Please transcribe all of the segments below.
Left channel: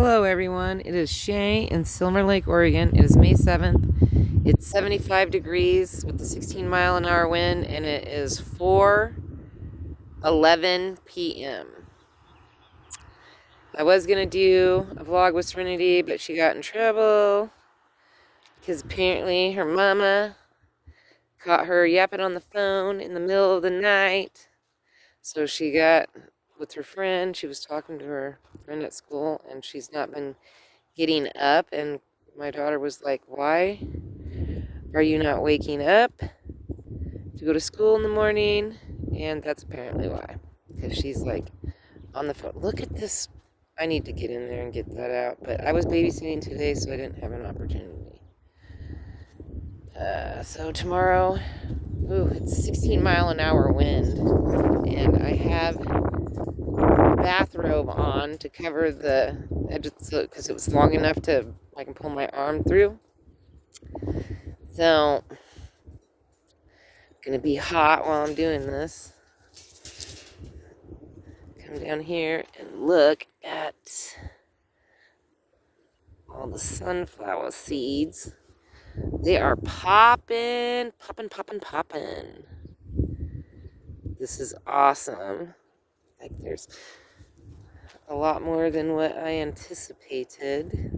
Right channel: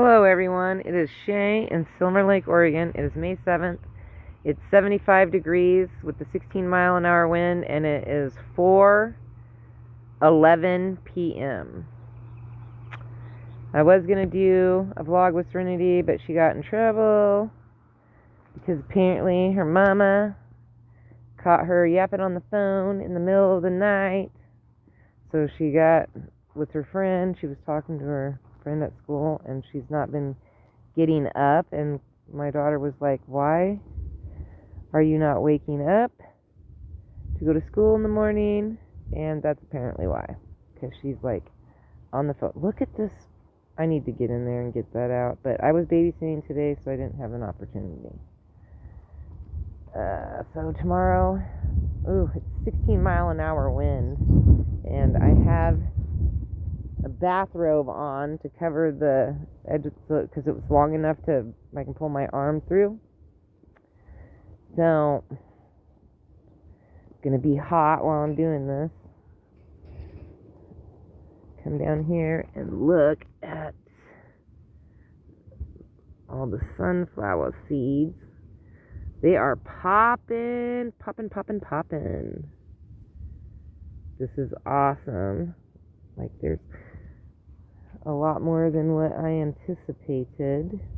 Hello everyone, it is Shay in Silver Lake, Oregon. It is May 7th. It's 75 degrees with the 16-mile-an-hour wind, and it is 4:11 p.m. I was going to do a vlog with Serenity, but she got in trouble because apparently her mama caught her yapping on the phone in the middle of the night. So she got with her friend. She was talking to her friend at school, and she's not been getting up. And my daughter was like, "Why are you not waking up to go to school in the morning?" And that's apparently why, because she's like on the phone. Look at this. I need to get in there and get that out, but I was babysitting today, so I didn't have an opportunity. So tomorrow, it's 16-mile-an-hour wind, and I have bathrobe on to cover the edge because it was long enough to I can pull my arm through. So gonna be hot while I'm doing this. Come down here and look at all the sunflower seeds. They are popping. This is awesome. Like, there's a lot more than what I anticipated.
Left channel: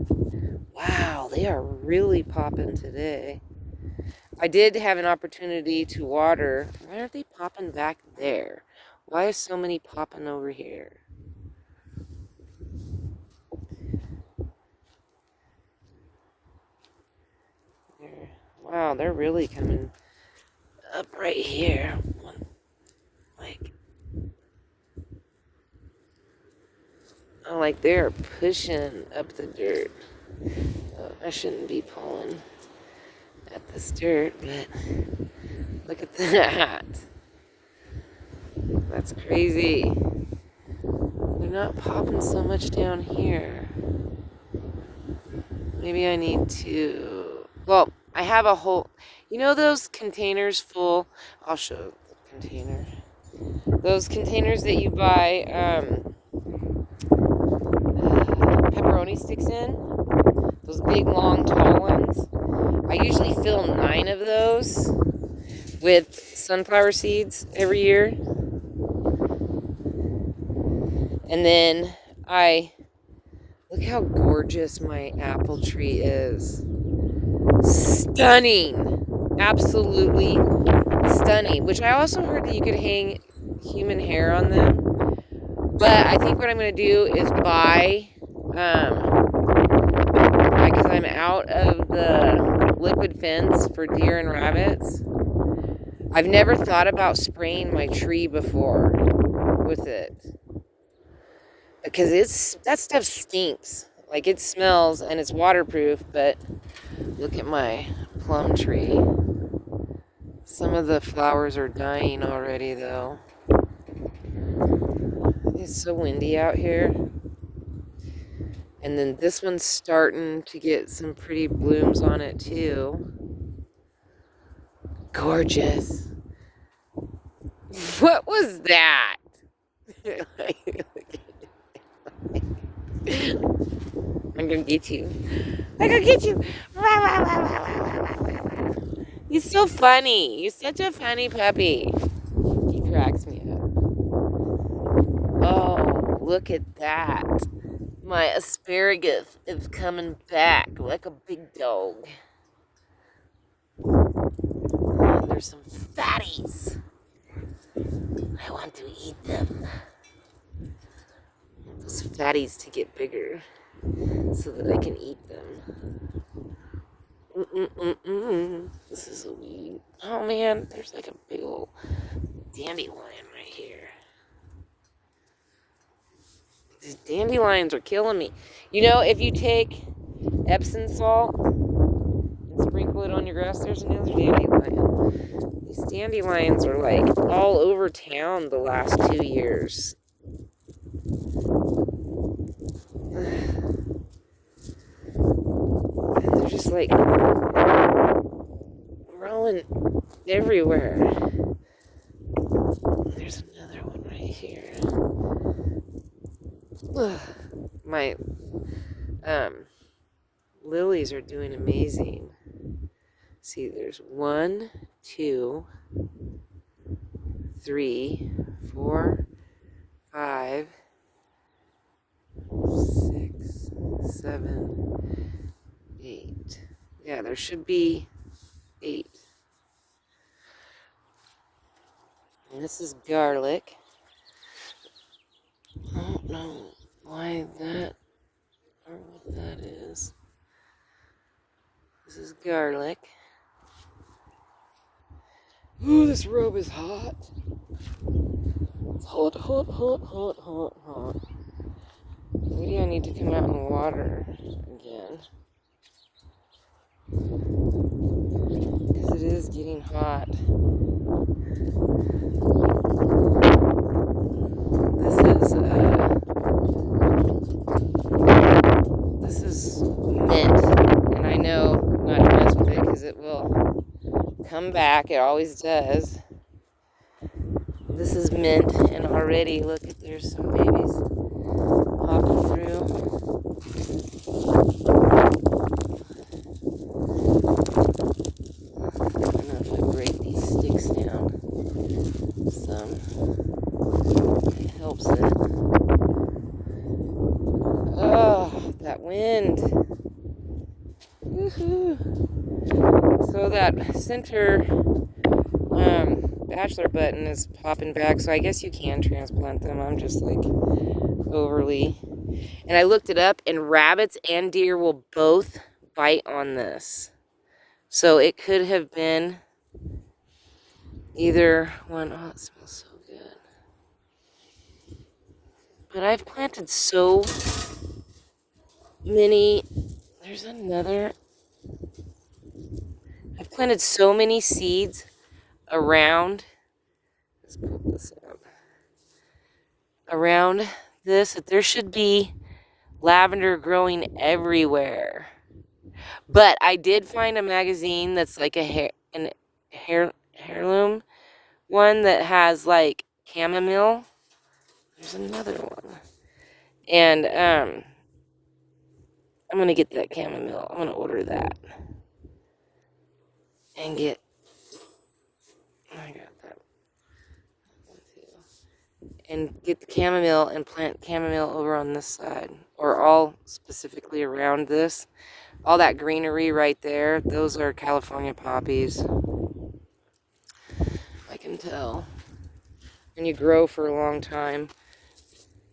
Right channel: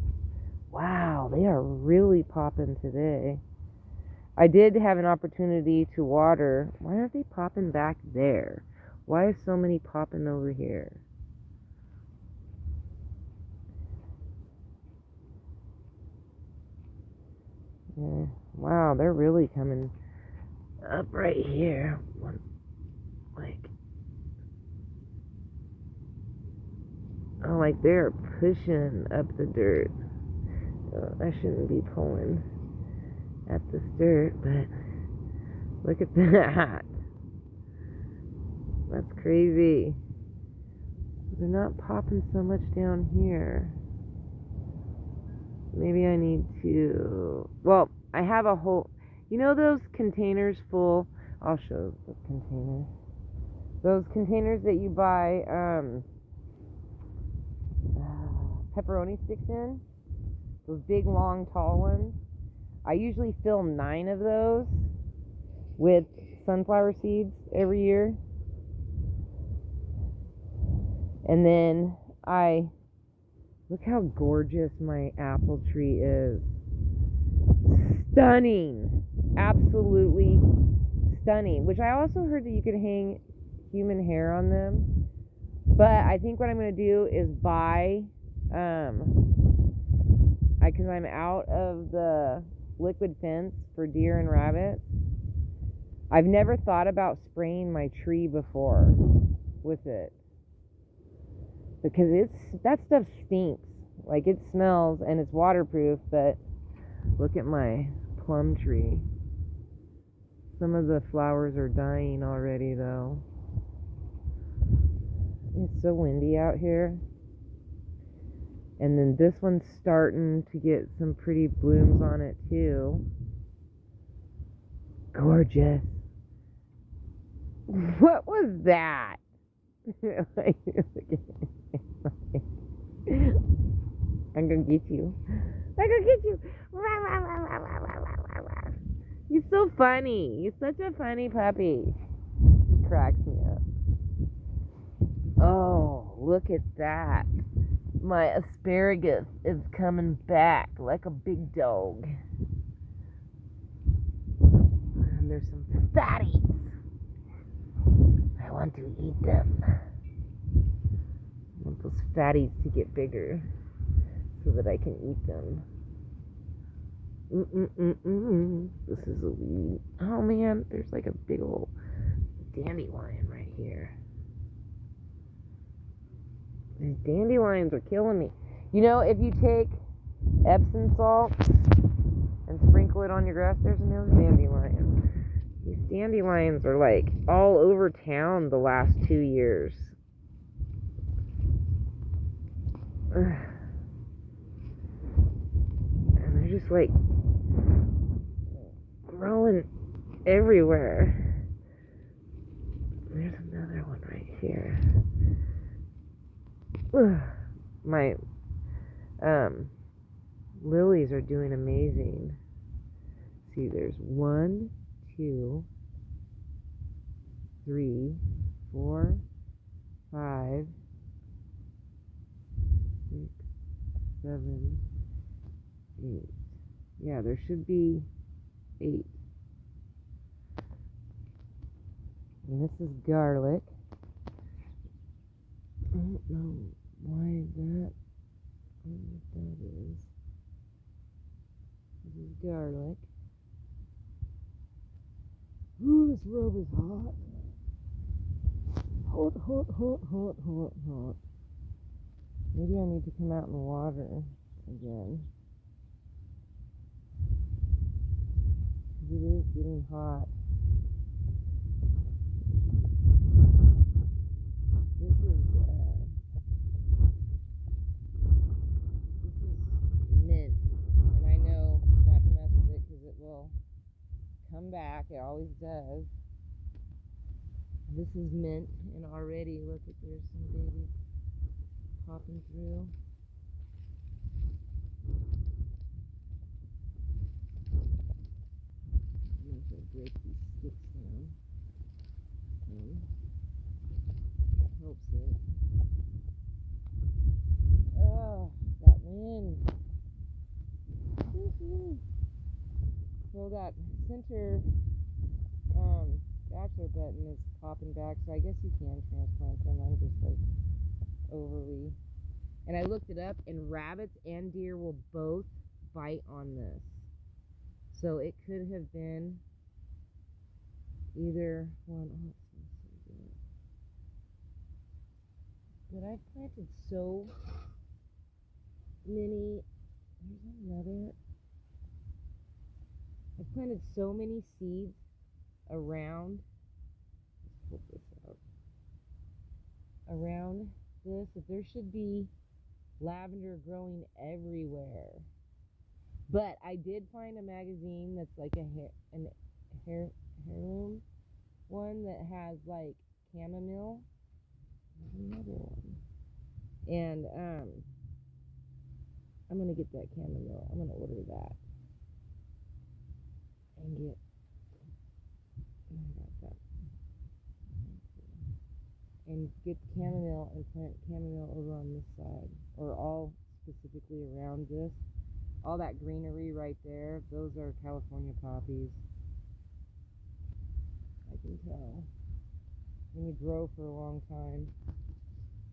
Wow, they are really popping today. I did have an opportunity to water. Why aren't they popping back there? Why is so many popping over here? Wow, they're really coming up right here. Like, oh, like they're pushing up the dirt. I shouldn't be pulling at this dirt, but look at that. That's crazy. They're not popping so much down here. Maybe I need to... Well, I have a whole... You know those containers full... I'll show the container. Those containers that you buy pepperoni sticks in? Those big, long, tall ones? I usually fill 9 of those with sunflower seeds every year. And then look how gorgeous my apple tree is. Stunning. Absolutely stunning. Which I also heard that you could hang human hair on them. But I think what I'm going to do is buy, because I'm out of the liquid fence for deer and rabbits. I've never thought about spraying my tree before with it. Because that stuff stinks. Like, it smells and it's waterproof, but look at my plum tree. Some of the flowers are dying already, though. It's so windy out here. And then this one's starting to get some pretty blooms on it, too. Gorgeous. What was that? I'm gonna get you. I'm gonna get you. He's so funny. He's such a funny puppy. He cracks me up. Oh, look at that. My asparagus is coming back like a big dog. And there's some fatties. I want to eat them. I want those fatties to get bigger so that I can eat them. This is a weed. Oh man, there's like a big old dandelion right here. These dandelions are killing me. You know, if you take Epsom salt and sprinkle it on your grass, there's another dandelion. These dandelions are like all over town the last 2 years. They're just like growing everywhere. There's another one right here. My Lilies are doing amazing. See, there's 1, 2, 3, 4, 5, 6, 7, 8. Yeah, there should be 8. And this is garlic. I don't know why that, I don't know what that is. This is garlic. Ooh, this robe is hot. It's hot, hot, hot, hot, hot, hot. Maybe I need to come out and water again. Because it is getting hot. This is mint. And I know not to mess with it because it will come back. It always does. This is mint, and already, look, there's some babies popping through. I don't know if I break these sticks down some. It helps it. Oh, that wind. Woohoo. So that center bachelor button is popping back, so I guess you can transplant them. I'm just like overly. And I looked it up, and rabbits and deer will both bite on this. So it could have been either one. Oh, it smells so good. But I've planted so many. There's another. I've planted so many seeds around. Let's pull this up. Around this, that there should be lavender growing everywhere. But I did find a magazine that's like a heirloom one that has like chamomile. There's another one. And I'm gonna get that chamomile. I'm gonna order that. And get, I got that. And get the chamomile and plant chamomile over on this side. Or all specifically around this. All that greenery right there, those are California poppies. I can tell. And you grow for a long time.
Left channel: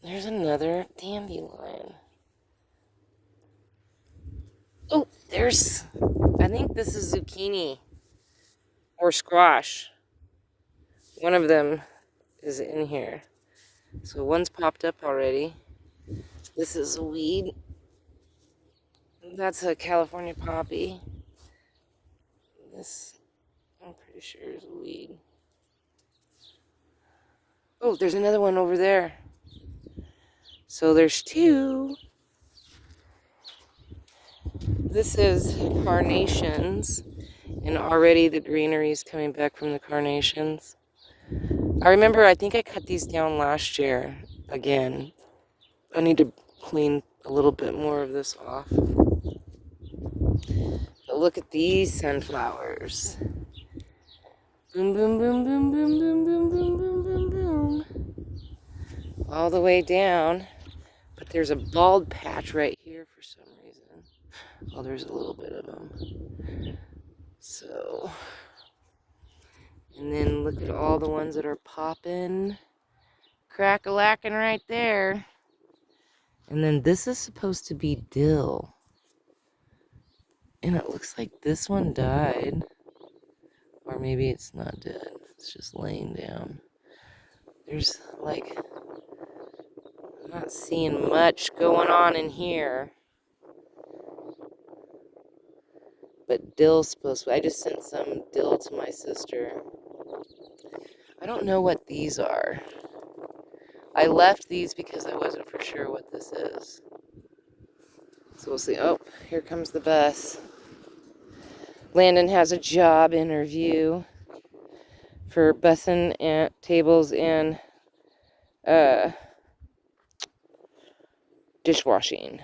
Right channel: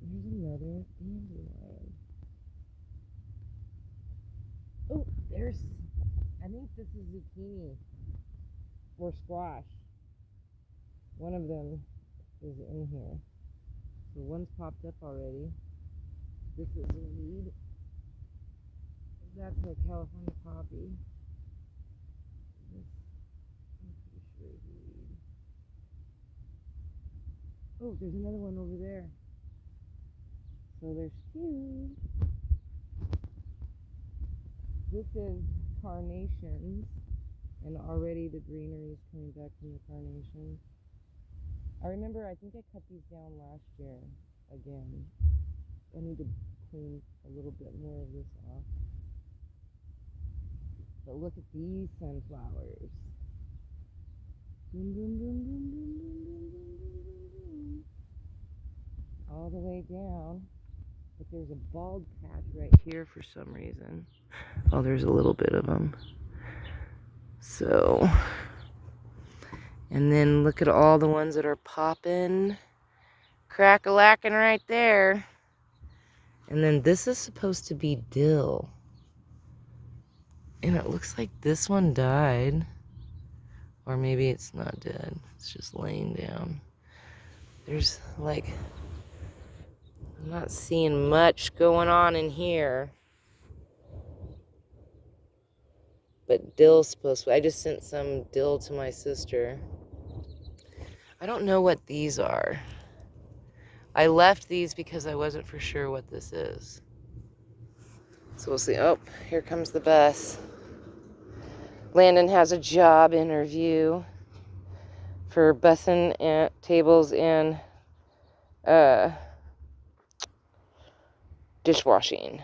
There's another dandelion. Oh, there's, I think this is zucchini or squash. One of them is in here. So one's popped up already. This is a weed. That's a California poppy. This, I'm pretty sure, is a weed. Oh, there's another one over there. So there's 2. This is carnations, and already the greenery is coming back from the carnations. I remember, I think I cut these down last year again. I need to clean a little bit more of this off. But look at these sunflowers. Boom, boom, boom, boom, boom, boom, boom, boom, boom, boom, boom. All the way down. But there's a bald patch right here for some reason. Oh, there's a little bit of them. So, and then look at all the ones that are popping, crack-a-lacking right there. And then this is supposed to be dill. And it looks like this one died. Or maybe it's not dead. It's just laying down. There's like, I'm not seeing much going on in here. But dill's supposed to, I just sent some dill to my sister. I don't know what these are. I left these because I wasn't for sure what this is. So we'll see. Oh, here comes the bus. Landon has a job interview for bussing and tables and dishwashing.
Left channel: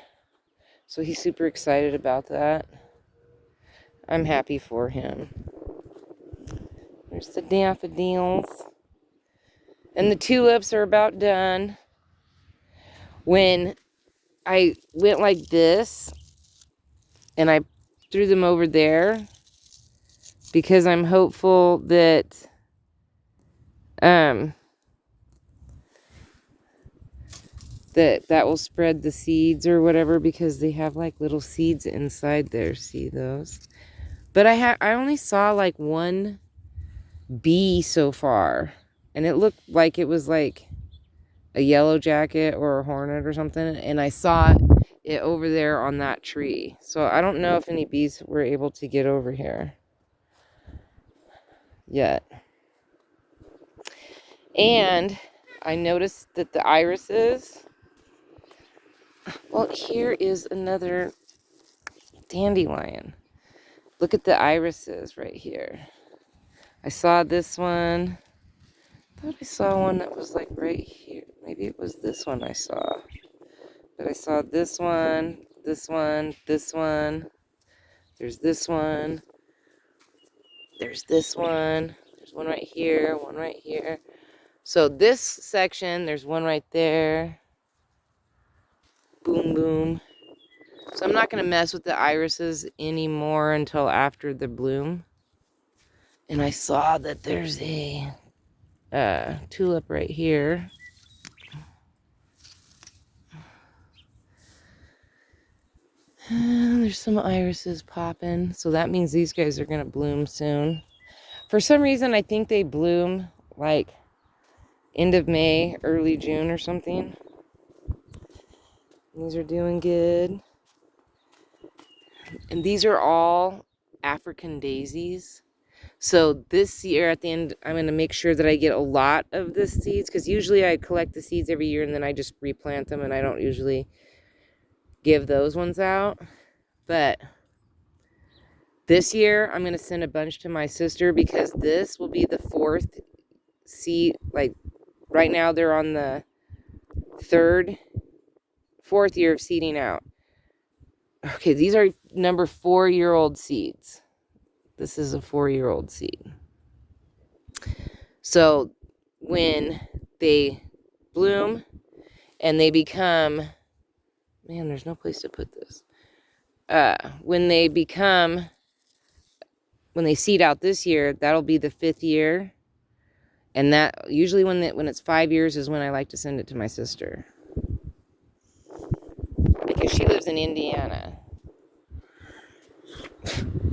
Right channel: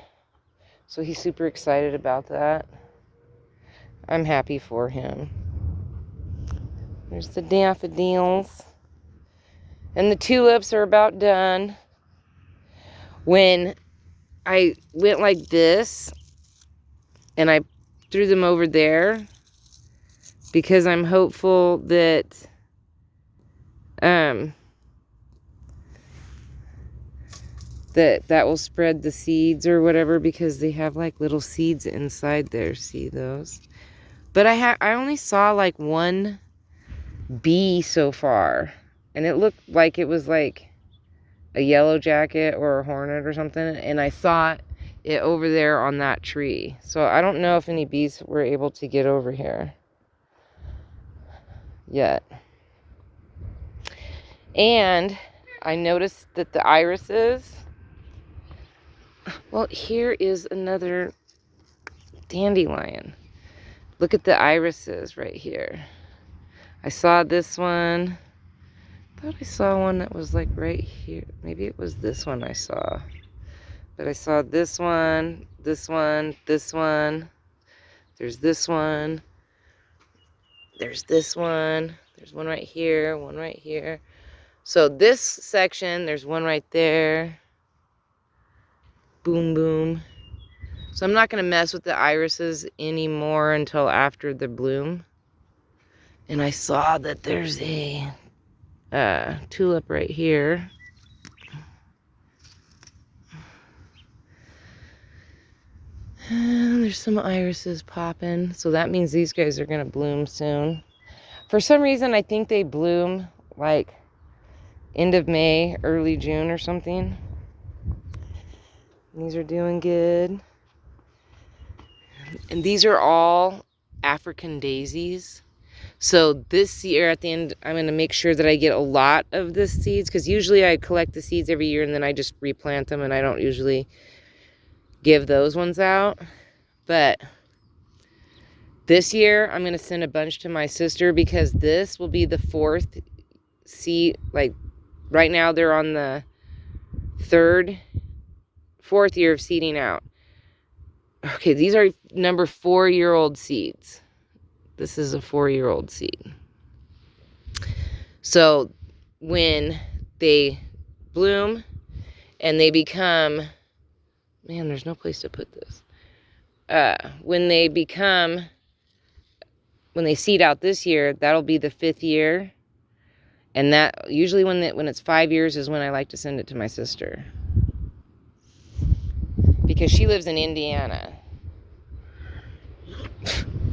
So he's super excited about that. I'm happy for him. There's the daffodils. And the tulips are about done. When I went like this, and I threw them over there, because I'm hopeful that that will spread the seeds or whatever, because they have like little seeds inside there. See those? But I only saw like one bee so far, and it looked like it was like a yellow jacket or a hornet or something, and I saw it over there on that tree. So I don't know if any bees were able to get over here yet. And I noticed that the irises, well, here is another dandelion. Look at the irises right here. I saw this one. I thought I saw one that was like right here. Maybe it was this one I saw. But I saw this one, this one, this one. There's this one. There's this one. There's one right here, one right here. So this section, there's one right there. Boom, boom. So I'm not going to mess with the irises anymore until after the bloom. And I saw that there's a tulip right here. There's some irises popping. So that means these guys are going to bloom soon. For some reason, I think they bloom like end of May, early June or something. And these are doing good. And these are all African daisies. So this year at the end, I'm going to make sure that I get a lot of the seeds, because usually I collect the seeds every year and then I just replant them, and I don't usually give those ones out. But this year I'm going to send a bunch to my sister, because this will be the 4th seed. Like right now they're on the 4th year of seeding out. Okay, these are number 4-year-old seeds. This is a 4-year-old seed. So when they bloom and they become, man, there's no place to put this. When they seed out this year, that'll be the 5th year. And that usually when it's 5 years is when I like to send it to my sister, because she lives in Indiana.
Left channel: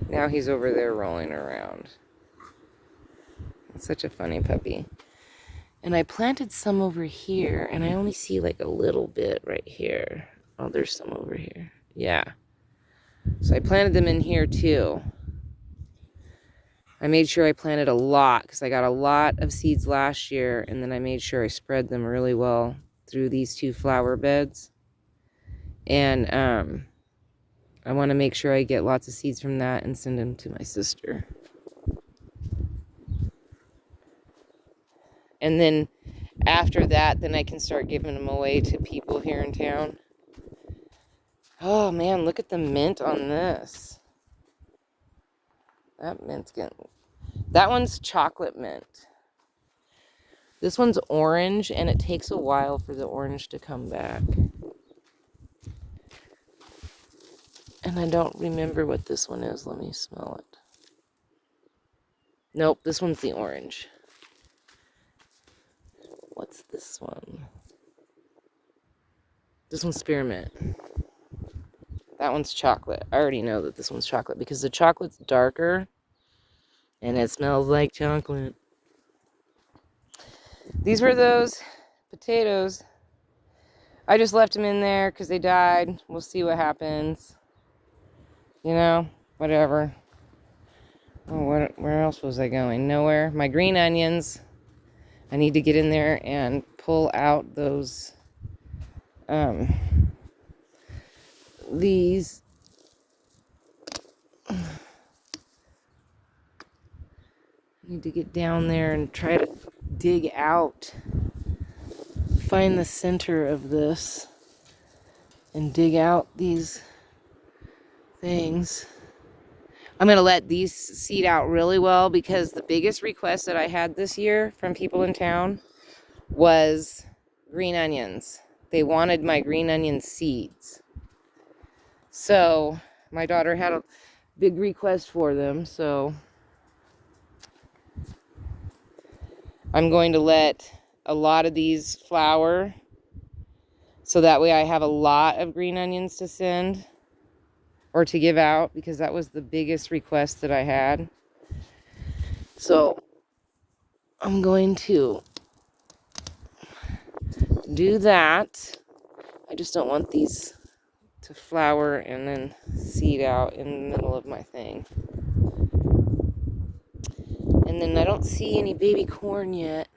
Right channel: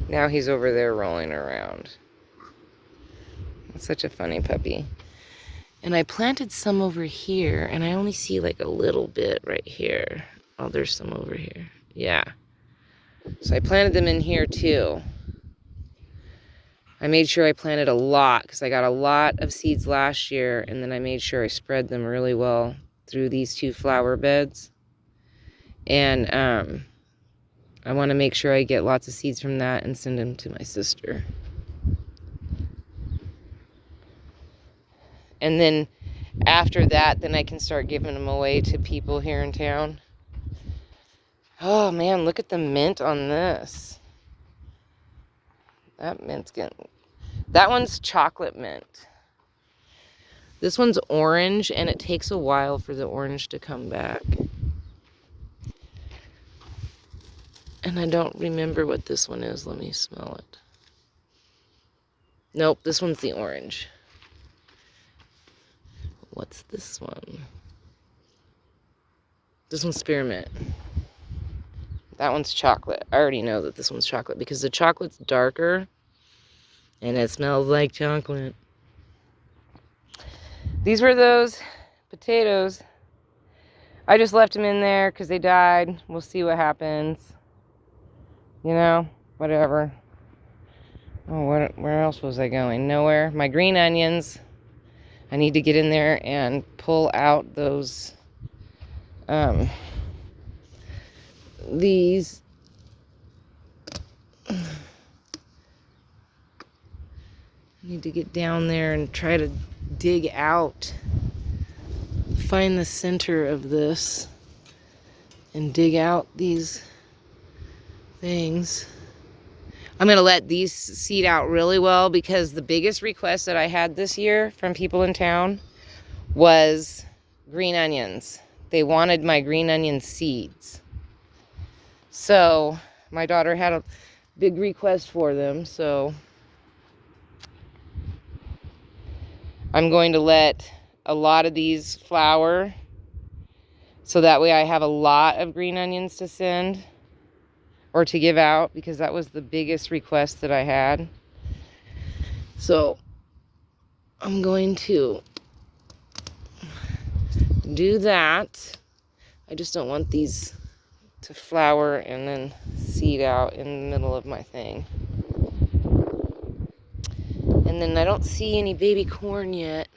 Now he's over there rolling around. That's such a funny puppy. And I planted some over here, and I only see like a little bit right here. Oh, there's some over here. Yeah. So I planted them in here too. I made sure I planted a lot, because I got a lot of seeds last year, and then I made sure I spread them really well through these 2 flower beds. And I want to make sure I get lots of seeds from that and send them to my sister. And then after that, then I can start giving them away to people here in town. Oh man, look at the mint on this. That mint's getting... That one's chocolate mint. This one's orange, and it takes a while for the orange to come back. And I don't remember what this one is. Let me smell it. Nope, this one's the orange. What's this one? This one's spearmint. That one's chocolate. I already know that this one's chocolate, because the chocolate's darker and it smells like chocolate. These were those potatoes. I just left them in there because they died. We'll see what happens. You know, whatever. Oh, where else was I going? Nowhere. My green onions. I need to get in there and pull out those, these. I need to get down there and try to dig out, find the center of this, and dig out these things. I'm going to let these seed out really well, because the biggest request that I had this year from people in town was green onions. They wanted my green onion seeds. So my daughter had a big request for them. So I'm going to let a lot of these flower, so that way I have a lot of green onions to send or to give out, because that was the biggest request that I had. So I'm going to do that. I just don't want these to flower and then seed out in the middle of my thing. And then I don't see any baby corn yet.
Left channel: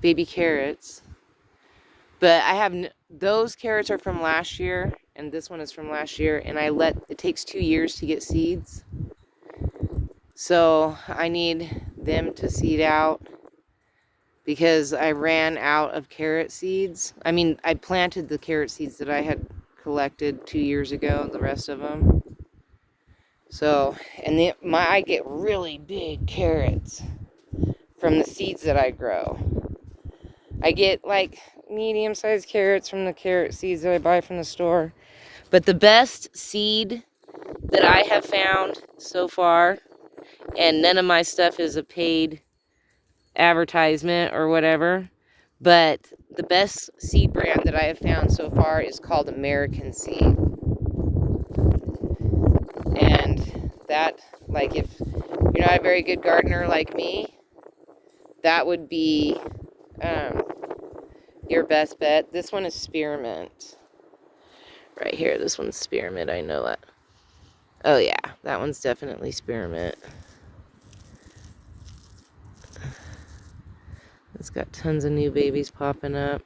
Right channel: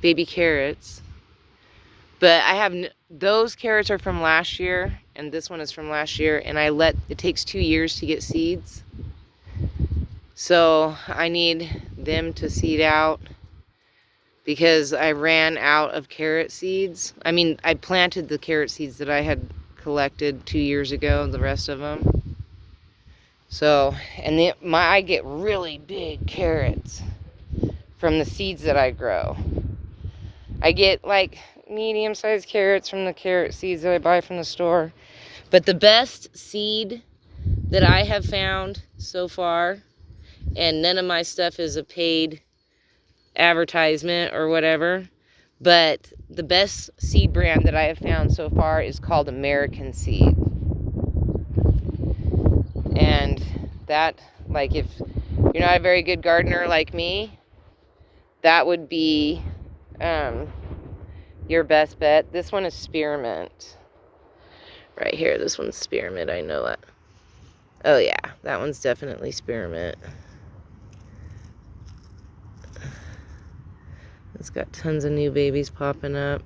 Baby carrots. But I have, those carrots are from last year, and this one is from last year, and it takes 2 years to get seeds. So I need them to seed out, because I ran out of carrot seeds. I mean, I planted the carrot seeds that I had collected 2 years ago, the rest of them. So, and I get really big carrots from the seeds that I grow. I get like medium-sized carrots from the carrot seeds that I buy from the store. But the best seed that I have found so far, and none of my stuff is a paid advertisement or whatever, but the best seed brand that I have found so far is called American Seed. And that, like, if you're not a very good gardener like me, that would be your best bet. This one is spearmint. Right here, this one's spearmint, I know it. Oh yeah, that one's definitely spearmint. It's got tons of new babies popping up.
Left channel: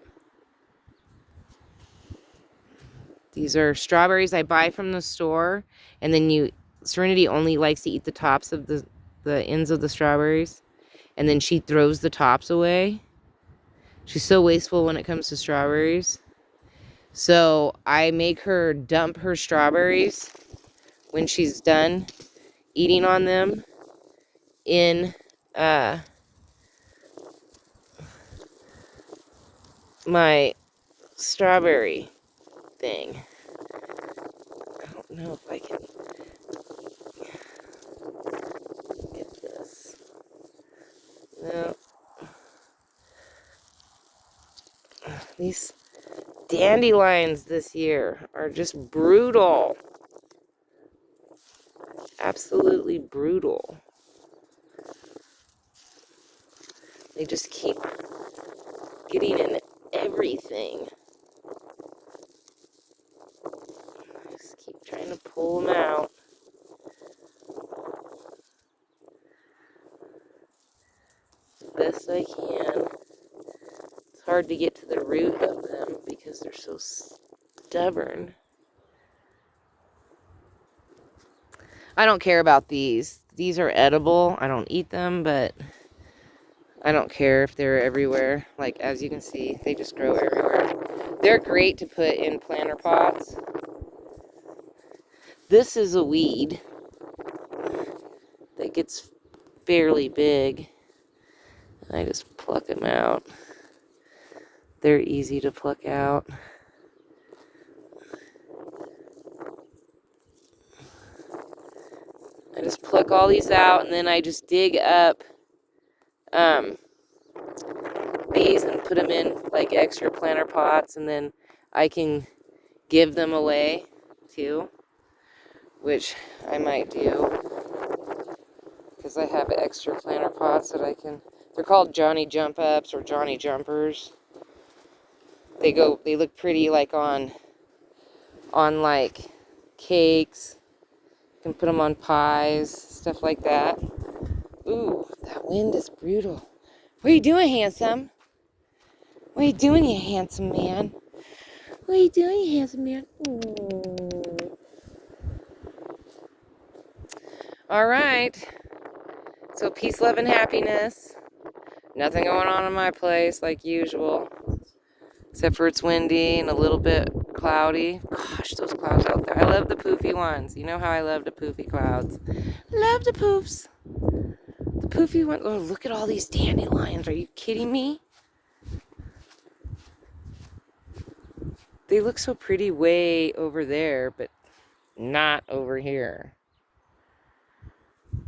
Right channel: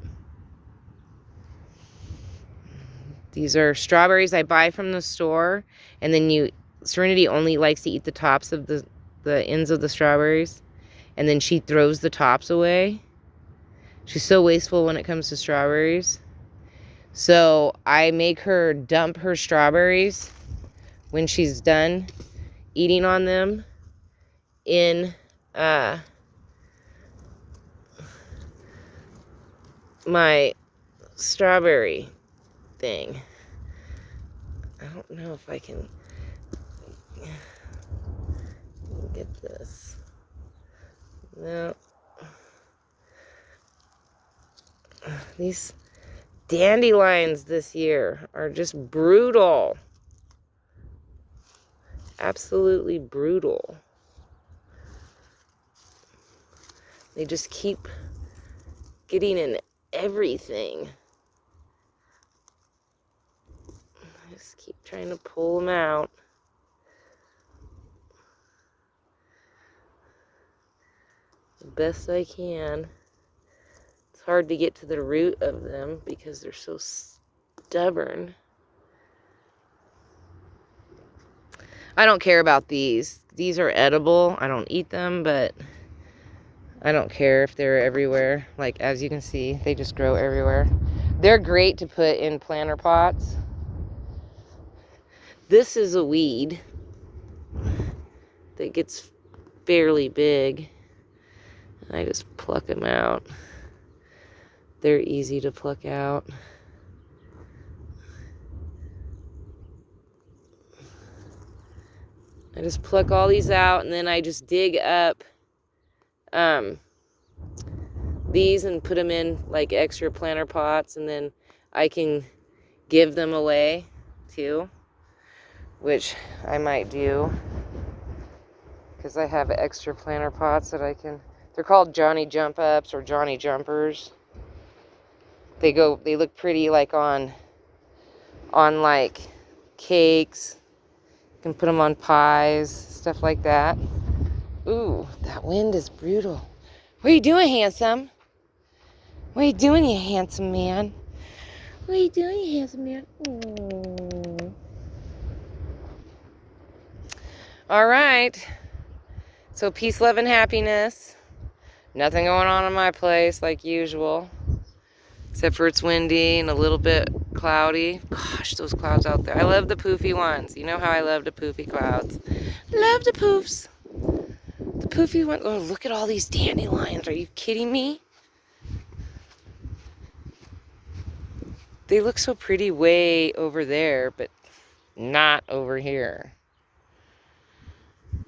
These are strawberries I buy from the store, and then Serenity only likes to eat the tops of the ends of the strawberries, and then she throws the tops away. She's so wasteful when it comes to strawberries. So I make her dump her strawberries when she's done eating on them in my strawberry thing. I don't know if I can get this. No. These dandelions this year are just brutal. Absolutely brutal. They just keep getting in everything. I just keep trying to pull them out. The best I can. It's hard to get to the root of them because they're so stubborn. I don't care about these. These are edible. I don't eat them, but I don't care if they're everywhere. Like, as you can see, they just grow everywhere. They're great to put in planter pots. This is a weed that gets fairly big. And I just pluck them out. They're easy to pluck out. I just pluck all these out, and then I just dig up these and put them in like extra planter pots, and then I can give them away too, which I might do, because I have extra planter pots that I can. They're called Johnny Jump Ups or Johnny Jumpers. They look pretty like on like cakes. You can put them on pies, stuff like that. Ooh, that wind is brutal. What are you doing, handsome? What are you doing, you handsome man? What are you doing, you handsome man? Ooh. All right. So peace, love, and happiness. Nothing going on in my place like usual. Except for it's windy and a little bit cloudy. Gosh, those clouds out there. I love the poofy ones. You know how I love the poofy clouds. Love the poofs. The poofy ones. Oh, look at all these dandelions. Are you kidding me? They look so pretty way over there, but not over here.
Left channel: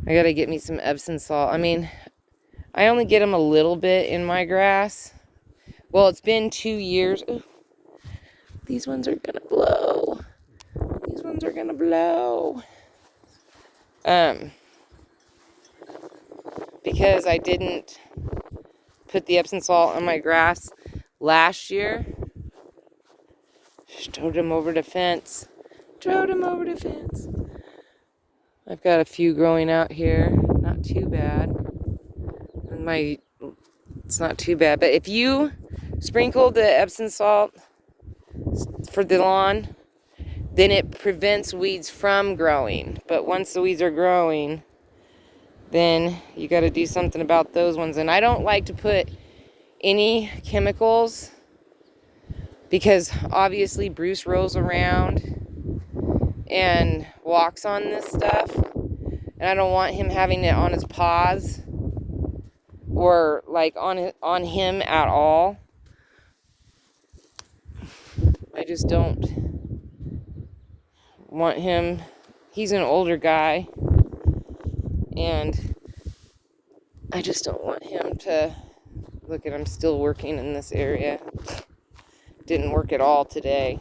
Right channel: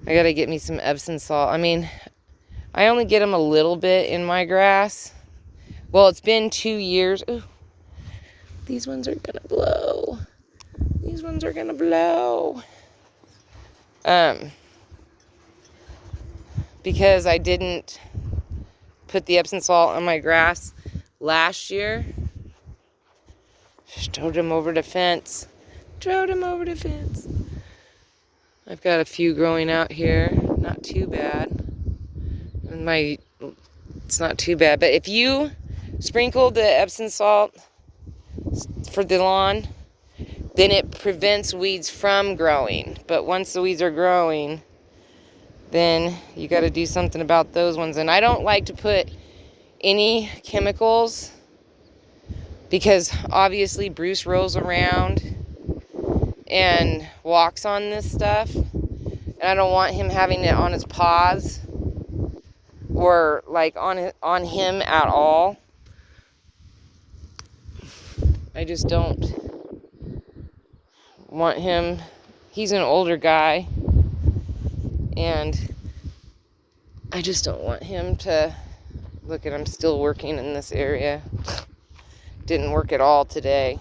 I gotta get me some Epsom salt. I mean, I only get them a little bit in my grass. Well, it's been 2 years. Ooh, these ones are gonna blow. These ones are gonna blow. Because I didn't put the Epsom salt on my grass last year. Strode them over the fence. Strode them over the fence. I've got a few growing out here. Not too bad. And it's not too bad. But if you sprinkle the Epsom salt for the lawn, then it prevents weeds from growing. But once the weeds are growing, then you got to do something about those ones. And I don't like to put any chemicals because obviously Bruce rolls around and walks on this stuff. And I don't want him having it on his paws or like on him at all. I just don't want him. He's an older guy. And I just don't want him to, look at him still working in this area. Didn't work at all today.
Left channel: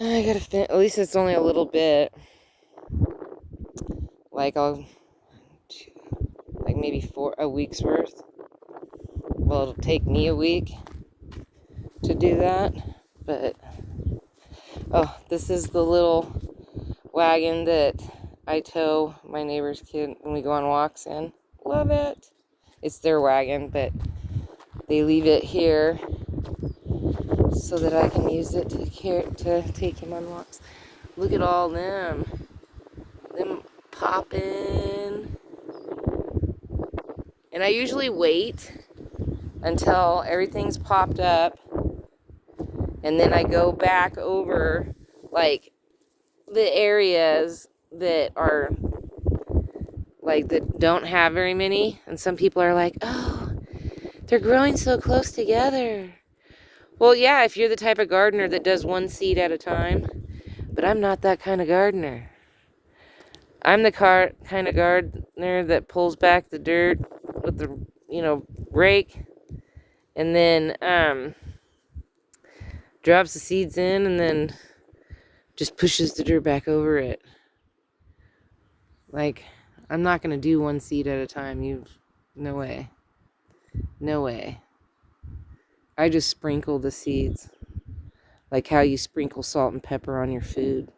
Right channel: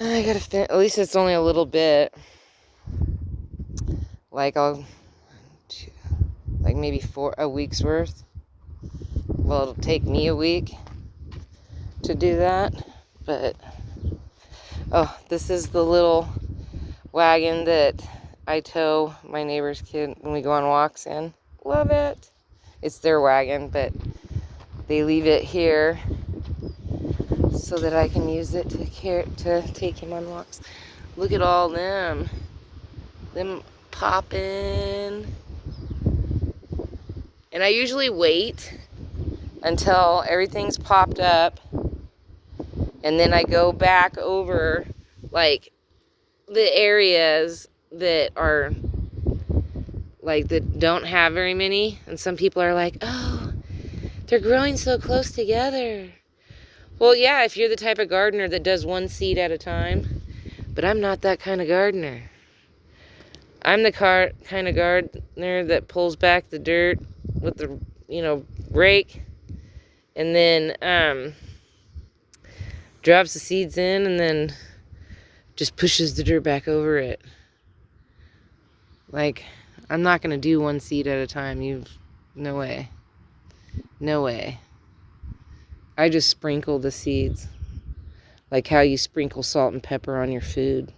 I gotta finish, at least it's only a little bit. Like maybe a week's worth. Well, it'll take me a week to do that. But, oh, this is the little wagon that I tow my neighbor's kid when we go on walks in. Love it. It's their wagon, but they leave it here so that I can use it to take him on walks. Look at all them popping. And I usually wait until everything's popped up, and then I go back over like the areas that are like that don't have very many. And some people are like, oh, they're growing so close together. Well, yeah, if you're the type of gardener that does one seed at a time. But I'm not that kind of gardener. I'm the kind of gardener that pulls back the dirt with the, rake, and then drops the seeds in and then just pushes the dirt back over it. Like, I'm not going to do one seed at a time. No way. No way. I just sprinkle the seeds. Like how you sprinkle salt and pepper on your food.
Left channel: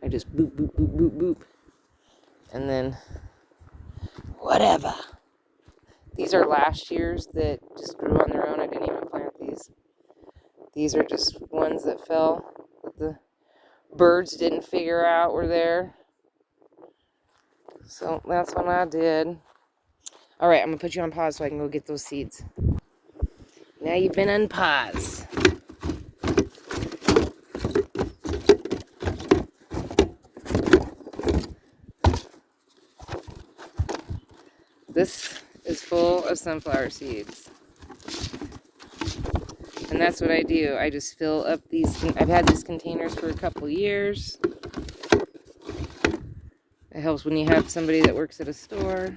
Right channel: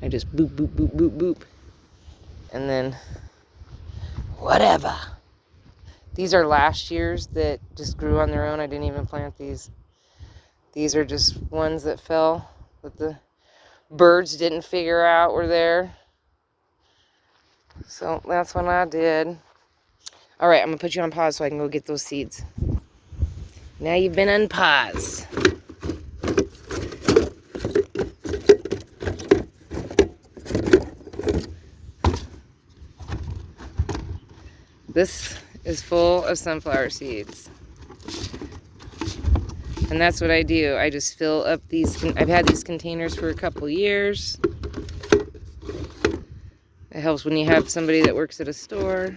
I just boop, boop, boop, boop, boop. And then, whatever. These are last year's that just grew on their own. I didn't even plant these. These are just ones that fell, that the birds didn't figure out were there. So that's what I did. All right, I'm going to put you on pause so I can go get those seeds. Now you've been on pause. This is full of sunflower seeds. And that's what I do. I just fill up these. I've had these containers for a couple years. It helps when you have somebody that works at a store.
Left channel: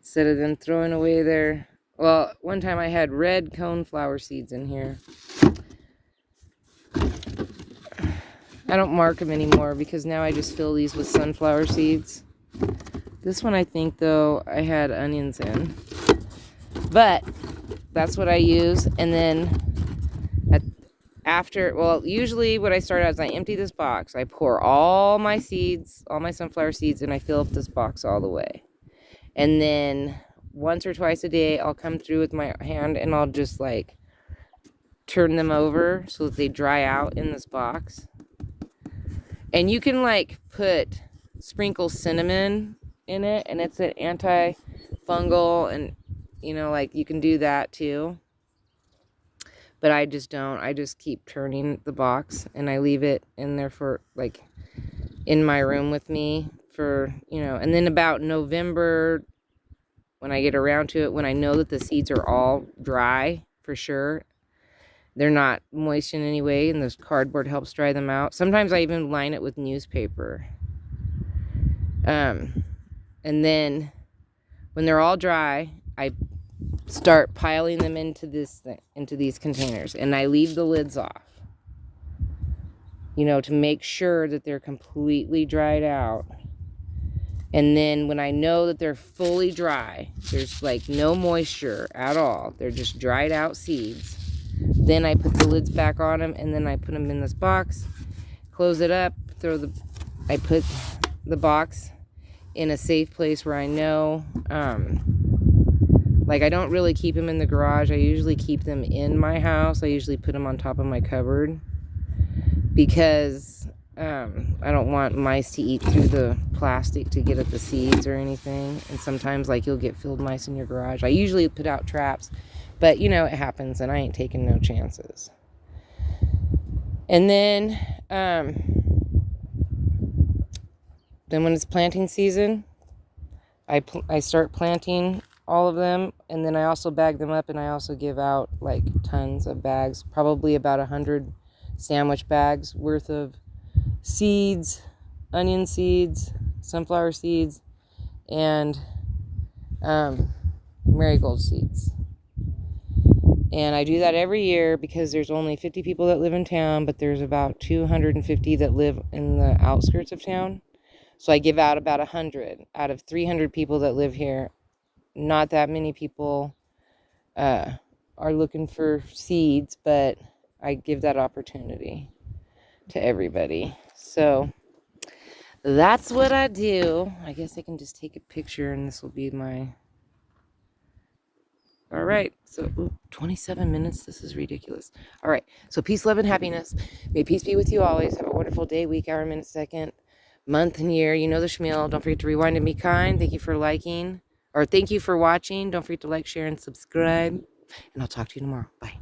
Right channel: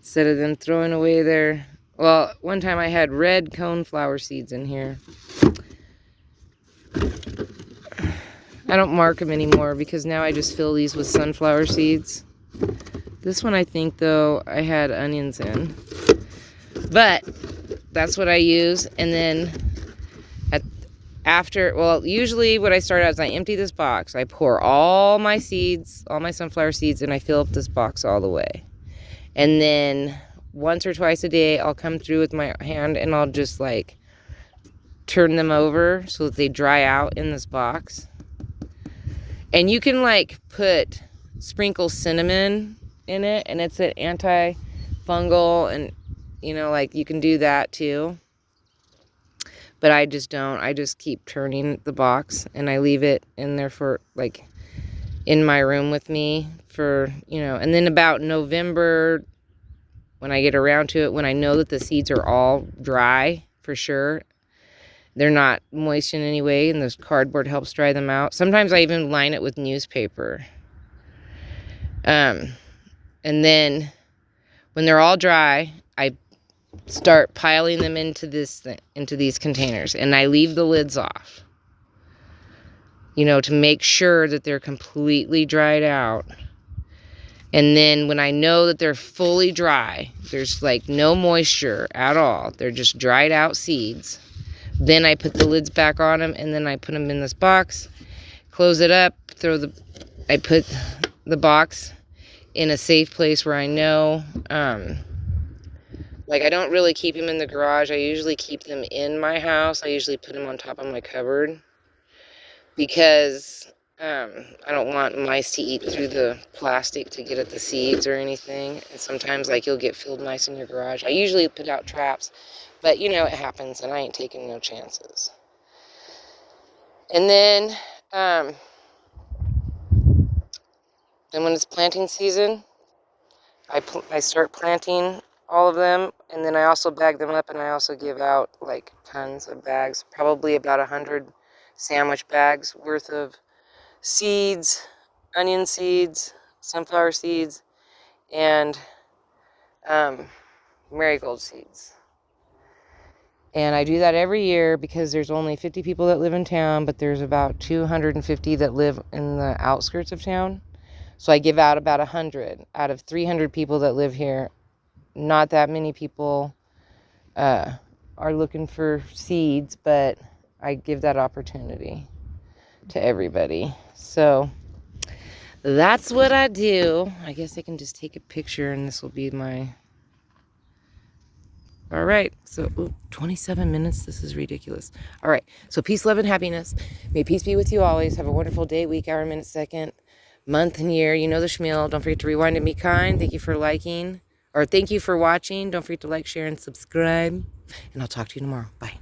Instead of them throwing away their... Well, one time I had red coneflower seeds in here. I don't mark them anymore because now I just fill these with sunflower seeds. This one I think, though, I had onions in. But that's what I use. And then usually what I start out is I empty this box. I pour all my seeds, all my sunflower seeds, and I fill up this box all the way. And then once or twice a day, I'll come through with my hand and I'll just like turn them over so that they dry out in this box. And you can like sprinkle cinnamon in it, and it's an antifungal, and like you can do that too. But I just don't. I just keep turning the box, and I leave it in there for, like, in my room with me for, you know, and then about November, when I get around to it, when I know that the seeds are all dry for sure, they're not moist in any way, and this cardboard helps dry them out. Sometimes I even line it with newspaper. And then when they're all dry, I start piling them into these containers, and I leave the lids off, you know, to make sure that they're completely dried out. And then when I know that they're fully dry, there's like no moisture at all, they're just dried out seeds, then I put the lids back on them, and then I put them in this box, close it up, I put the box in a safe place where I know, like, I don't really keep them in the garage. I usually keep them in my house. I usually put them on top of my cupboard, because I don't want mice to eat through the plastic to get at the seeds or anything. And sometimes, like, you'll get field mice in your garage. I usually put out traps, but, you know, it happens, and I ain't taking no chances. And then when it's planting season, I start planting all of them, and then I also bag them up, and I also give out, like, tons of bags, probably about 100 sandwich bags worth of seeds, onion seeds, sunflower seeds, and marigold seeds. And I do that every year because there's only 50 people that live in town, but there's about 250 that live in the outskirts of town. So I give out about 100 out of 300 people that live here. Not that many people are looking for seeds, but I give that opportunity to everybody. So that's what I do. I guess I can just take a picture, and this will be my... All right, so 27 minutes. This is ridiculous. All right, so peace, love, and happiness. May peace be with you always. Have a wonderful day, week, hour, minute, second, month, and year. You know the schmeal. Don't forget to rewind and be kind. Thank you for liking, or thank you for watching. Don't forget to like, share, and subscribe. And I'll talk to you tomorrow. Bye.